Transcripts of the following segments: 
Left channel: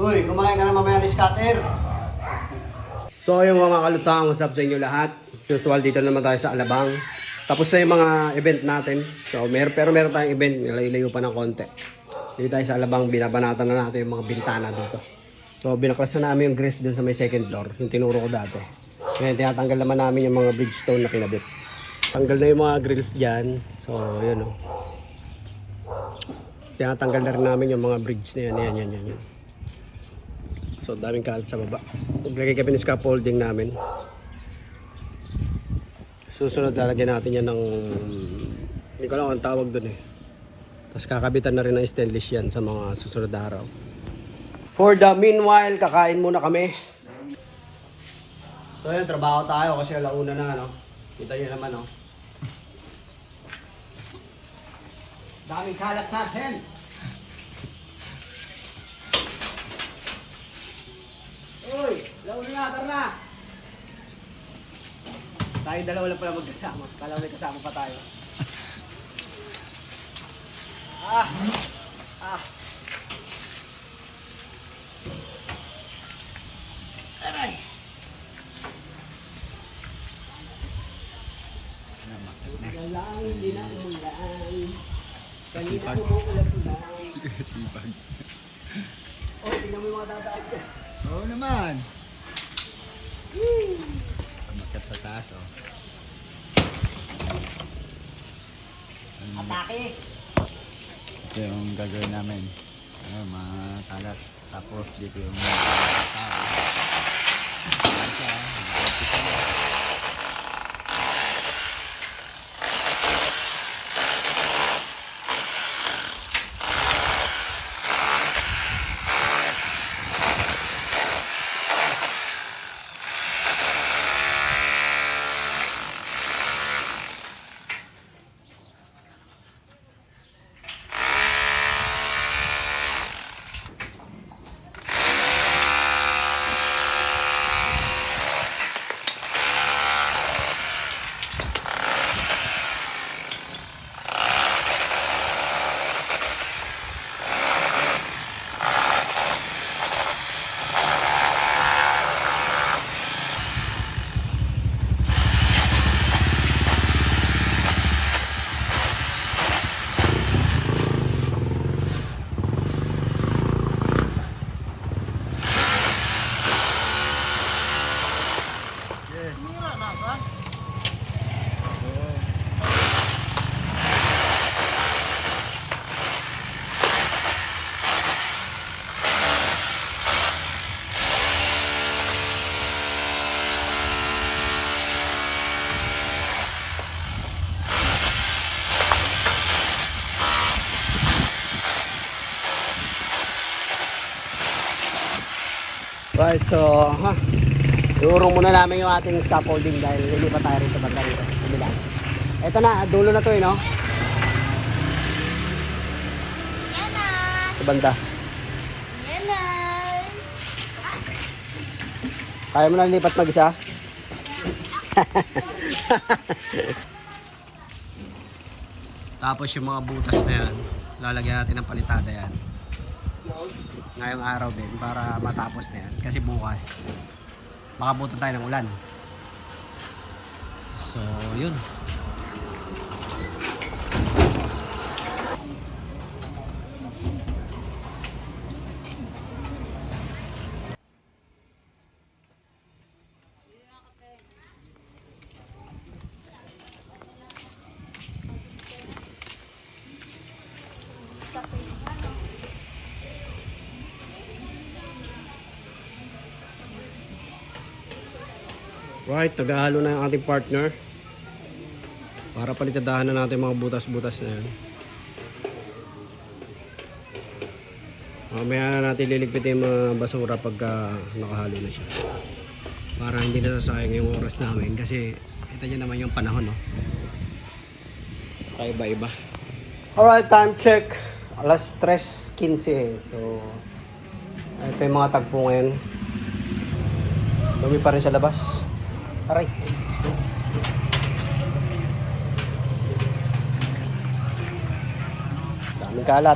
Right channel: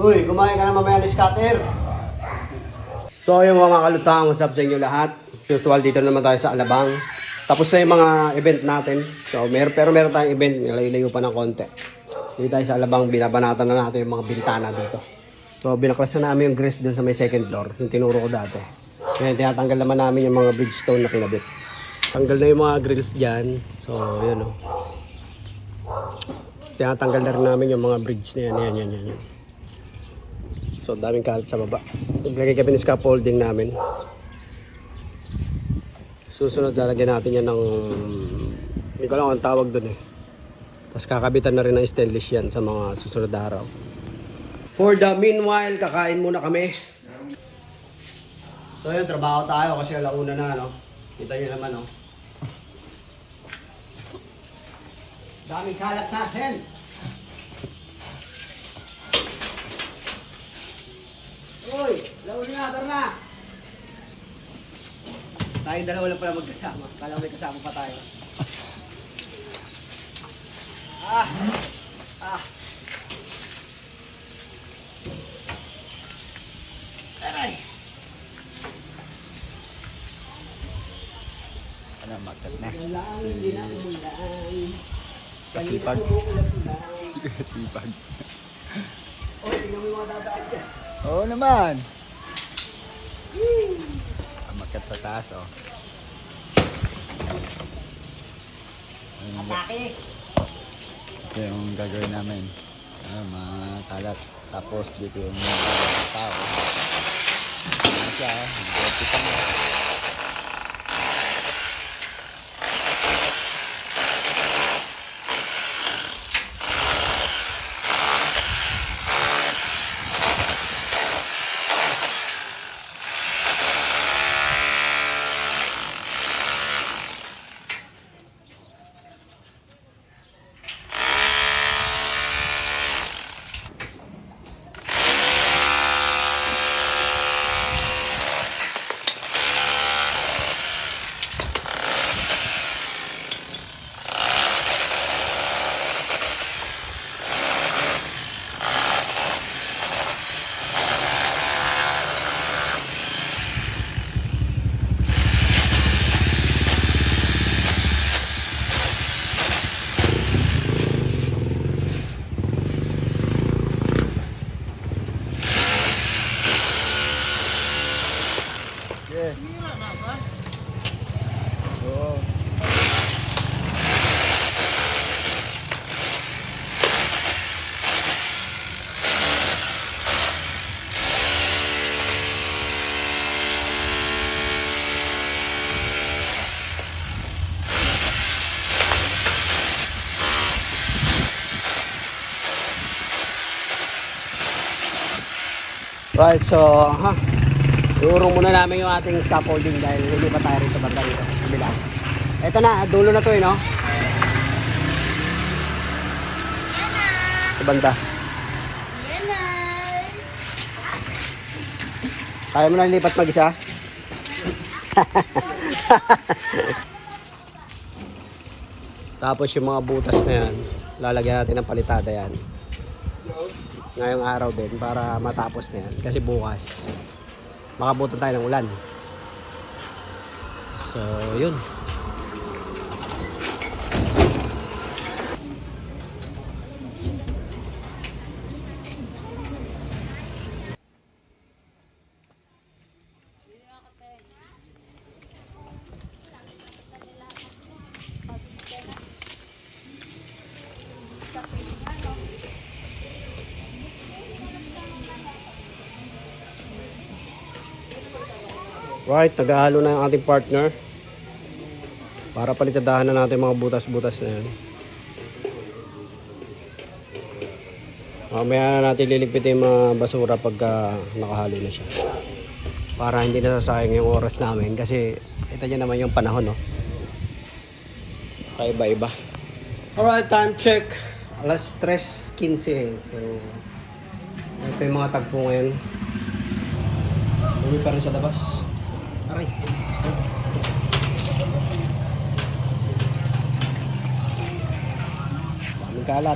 Uy, kumain ka na mamaya ng scatter. So yung mga kalutang, what's up sa inyo lahat? Usual dito naman tayo sa Alabang. Tapos na yung mga event natin. So pero meron tayong event, layo-layo pa ng konti. Dito tayo sa Alabang, binabanatan na natin yung mga bintana dito. So binaklas na namin yung grills dun sa may second floor, yung tinuro ko dati. Ngayon tinatanggal naman namin yung mga bridgestone na kinabit. Tanggal na yung mga grills dyan. So yun o. Tinatanggal na rin namin yung mga bridge na yan. Yan. So daming kalat sa baba. Naglagay kami ng scaffolding namin. Susunod lalagyan natin yan ng, hindi ko lang ang tawag dun eh. Tapos kakabitan na rin ng stainless yan sa mga susunod na araw. For the meanwhile, kakain muna kami. So yun, trabaho tayo kasi alauna na, no? Kita nyo naman, no? Daming kalat natin! Uy! Launa na, tara na! Tayong dalawa lang pala magkasama. Kala may kasama pa tayo. Ah! Aray! Ano, makat na. Walang dinaulan. Kasipag. Ulan-ulan. Kasipag. Oy, tingnan mo yung mga dadaan dyan. Oo naman. Makat sa taas, oh. Atake! Ito yung gagawin namin. Ano, mga kalat. Tapos dito yung mga tao. Ayan siya, Right, so, iurong muna namin yung ating scaffolding dahil hindi pa tayo rito banda rito. Kabila. Ito na, dulo na to eh, no? Sa banda. Kaya mo na lipat mag-isa? Tapos yung mga butas na yan, lalagyan natin ng palitada yan. Ngayong araw din para matapos na yan. Kasi bukas, makabutan tayo ng ulan. So, yun. Right, naghahalo na yung ating partner para palitadahan na natin mga butas-butas na yan. Mamaya na natin liligpitin yung mga basura pagka nakahalo na siya para hindi na sasayang yung oras namin kasi ito nyo naman yung panahon, no? Kaiba-iba. Alright, time check, alas 3:15. So ito yung mga tagpo ngayon. Dumi pa rin sa labas. Aray. Daming kalat.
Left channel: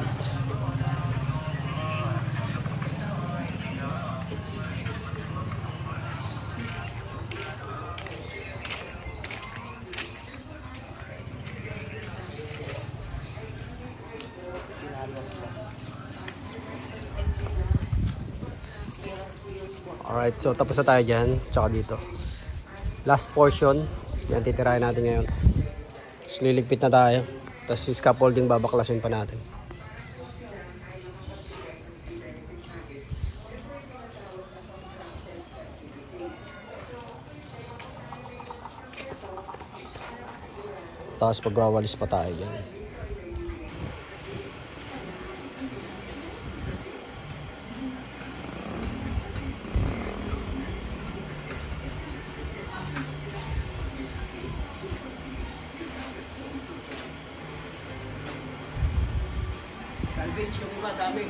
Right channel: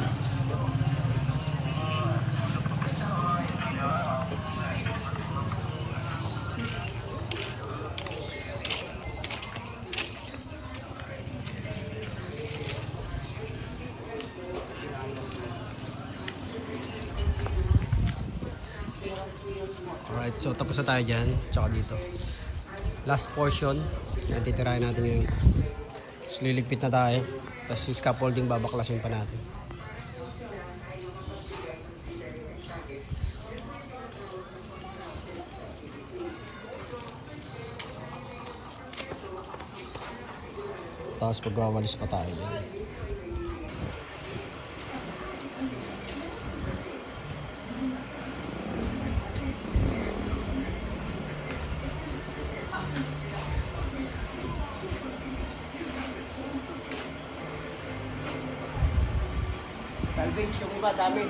Alright, so tapos na tayo dyan. Tsaka dito. Last portion. Yan, titirahin natin ngayon. So, liligpit na tayo. Tapos yung scaffolding babaklasin pa natin. Tapos pagwawalis pa tayo dyan. Salvage yung iba, dami.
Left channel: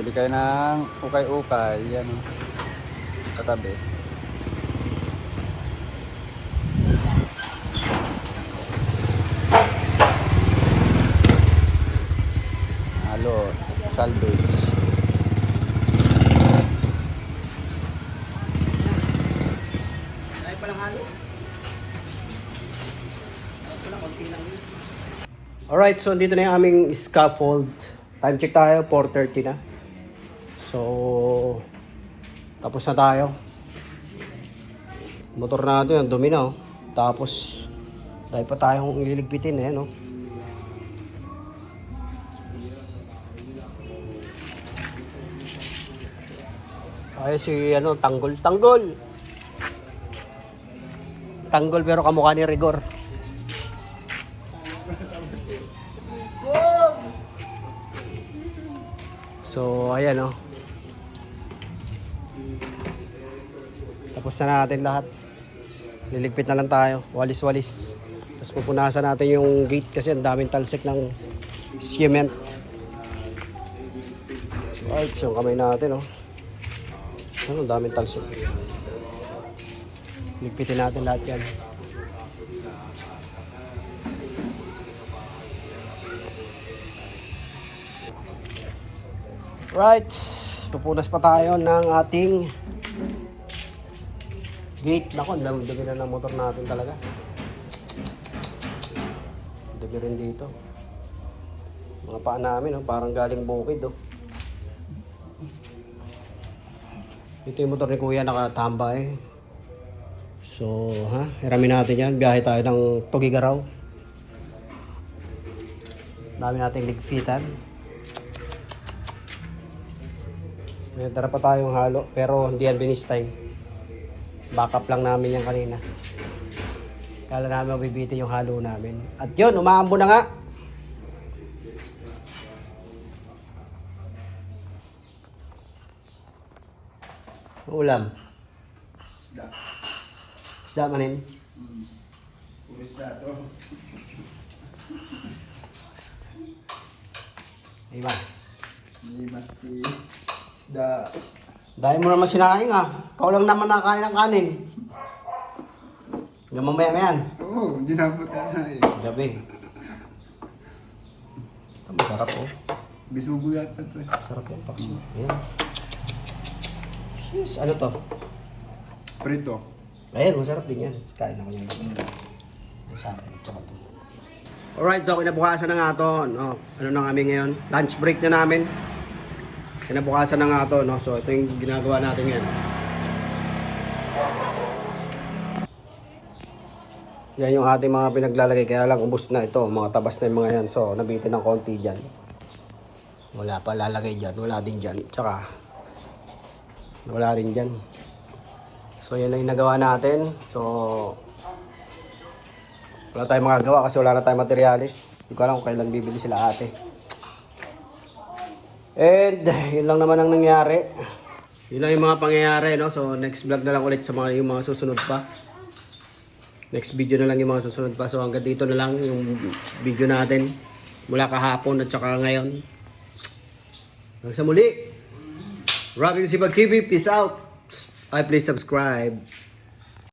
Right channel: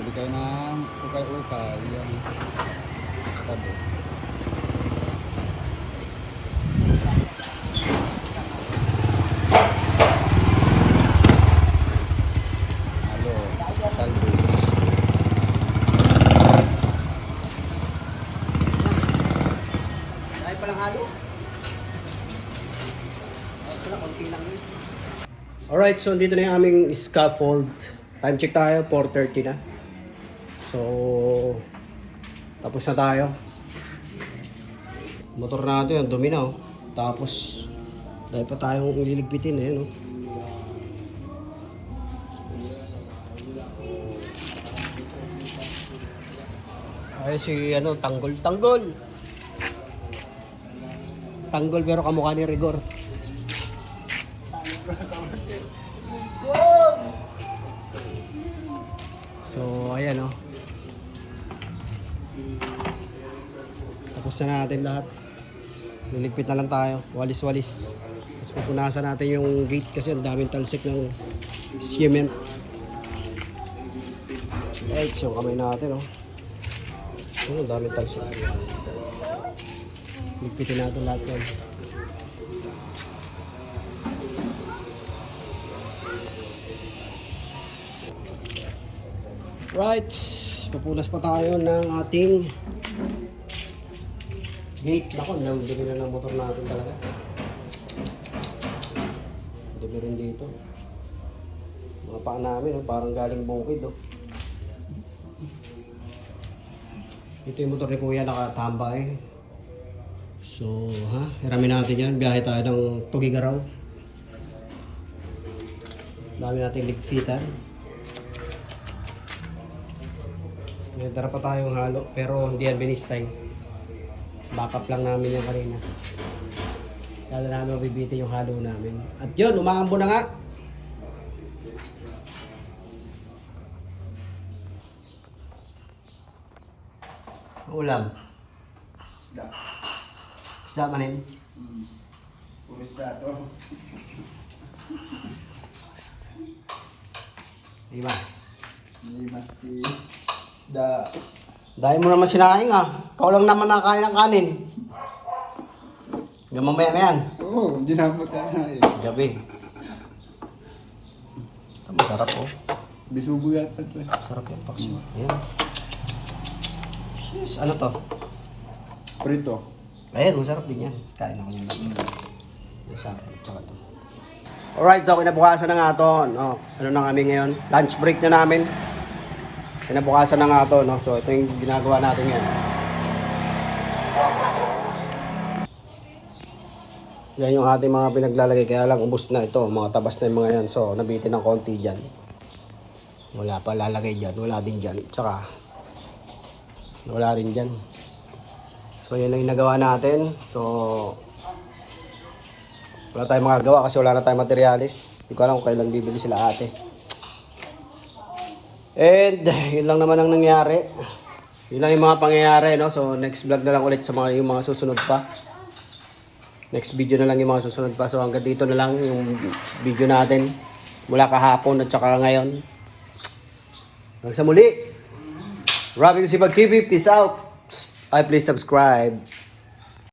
Bili kayo ng ukay-ukay. Yan. Katabi. Halo, salvage. Dahil palang halo. Konti lang yun. Alright, so dito na yung aming scaffold. Time check tayo, 4:30 na. So, tapos na tayo. Motor natin, ang dumi na oh. Tapos, dahil pa tayong liligpitin eh, no? Ay, si ano, tanggol. Tanggol pero kamukha ni Rigor. So, ayan oh. Tapos na natin lahat. Liligpit na lang tayo. Walis-walis. Tapos pupunasan natin yung gate kasi ang daming talsik ng cement. Right, yung kamay natin oh. Ang daming talsik. Ligpitin natin lahat yan. Right, pupunas pa tayo ng ating gate. Naku, ang dami na ng motor natin talaga. Dami rin dito. Mga paa namin, oh, parang galing bukid. Oh. Ito yung motor ni Kuya nakatambay. So, hiramin natin yan. Biyahe tayo ng Tugigaraw. Dami nating ligpitan. Dara pa tayong halo, pero hindi yan binistay. Backup lang namin yan kanina. Kala namin mabibitin yung halo namin. At yun, umaambo na nga. Ulam. Isda. Isda manin. Puro isda to. Limas. Limas ti isda. Dahil mo naman sinakain nga. Ikaw lang naman nakain ng kanin. Hanggang mamaya na yan. Oo, hindi na ako kakain. Gabi. Masarap oh. Bisugo yata to. Sarap yung paksi. Ayan. Yes, ano to? Prito. Ayan, masarap din yan. Kain na kanya. Masarap. Tsaka to. Alright, so kinabukasan na nga to. No? Ano na kami ngayon? Lunch break na namin. Kinabukasan na nga to. No? So ito yung ginagawa natin yan. Yan yung ating mga pinaglalagay. Kaya lang ubos na ito. Mga tabas na yung mga yan. So nabitin ng konti dyan. Wala pa lalagay dyan. Wala din dyan. Tsaka wala rin dyan. So yan lang yung nagawa natin. So wala tayong magagawa kasi wala na tayong materialis. Hindi ko alam kailan bibili sila ate. And yun lang naman ang nangyari. Yun lang yung mga pangyayari, no? So next vlog na lang ulit sa mga, yung mga susunod pa. Next video na lang yung mga susunod pa. So hanggang dito na lang yung video natin. Mula kahapon at saka ngayon. Hanggang sa muli. Robin Sipag TV. Peace out. Please subscribe.